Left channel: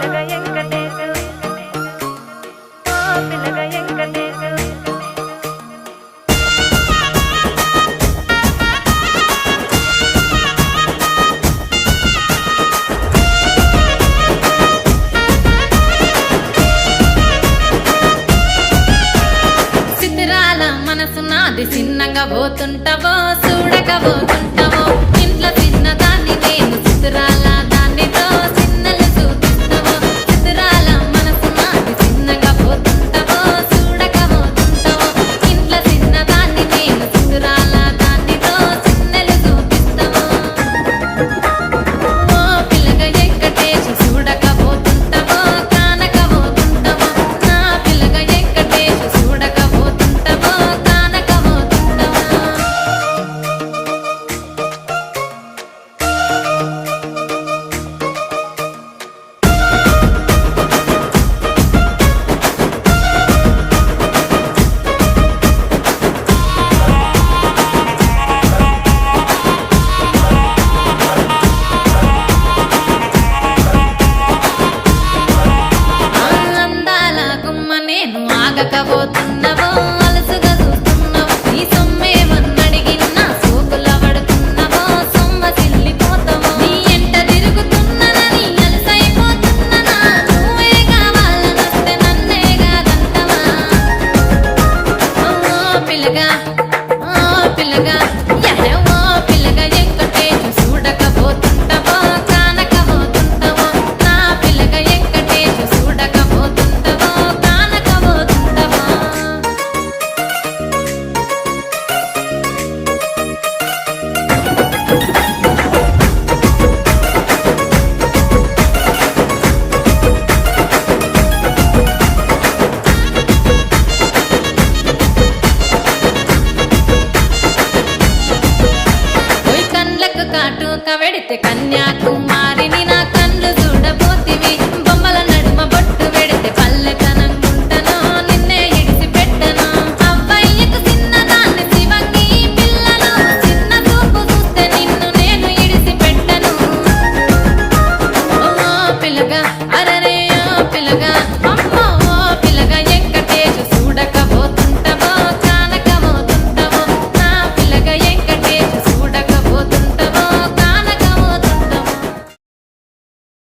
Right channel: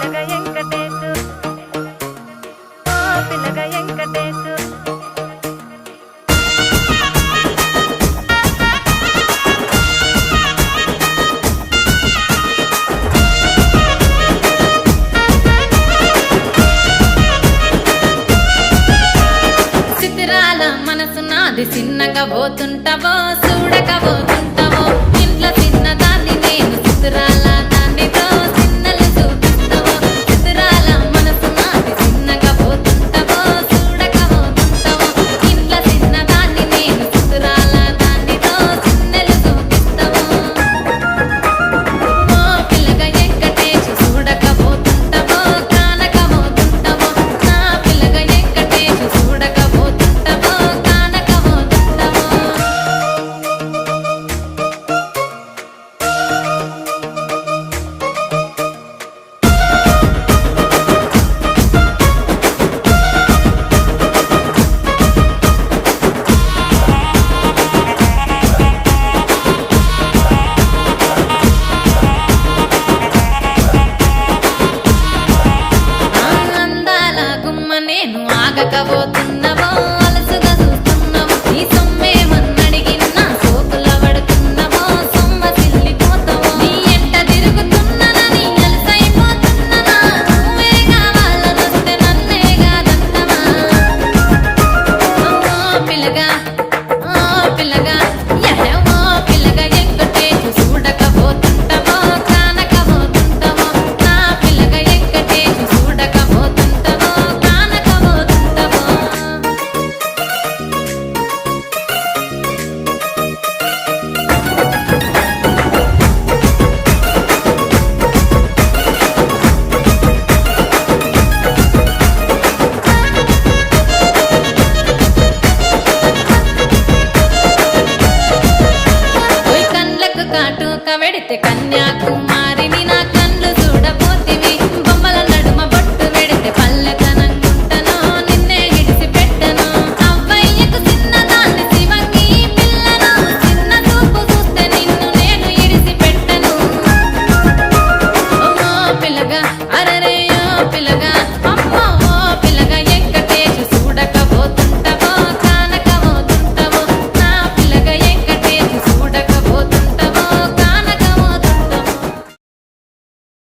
పిల్లగ వెంకటేశు ఓ పిల్లగ వెంకటేశు సిద్ధిరాల మనసు నాది చిన్నగా పోతుంటావో చూడక పోతుంటావో ఇంట్లో చిన్నదాన్ని నేను సిద్ధిరాల దాన్నితో చిన్నలు చూపిస్తావో సిద్ధిరాల మనసు నాది చిన్నగా పోతుంటావో చూడక పోతుంటావో ఇంట్లో చిన్నదాన్ని నేను సిద్ధిరాల దాన్నితో చిన్నలు చూపిస్తావో ఓ పిల్లగ వెంకటేశు చూడక పోతుంటావో కానక పోతుంటావో నా పిల్లగ వెంకటేశు చూడక పోతుంటావో కానక పోతుంటావో ఆ అందాల గుమ్మ నేను ఆగకపోతున్నావో అలసుగా చూస్తున్నావో నీ సొమ్మేమన్నడిగిన్నా సోకుల పడుతున్నావో సొమ్మ సిల్లిపోతావో నీ ఎంట తిరుగుతున్నానని అలసైపోతున్నానా నువ్వే కావాలనొస్తే నన్నే కాదంటవా ఓ పిల్లగా ఓ పిల్లగా యహ ఓ పిల్లగా వెంకటేశు చూడకపోతుంటావో కానకపోతుంటావో నా పిల్లగా వెంకటేశు చూడకపోతుంటావో కానకపోతుంటావో ఓయ్ కండ్లకు కాటుక వెడితే కన్యాకుమారిని నా కండ్లు చూడపోతివి బొమ్మల నడుమ బొట్టు వెడితే పల్లె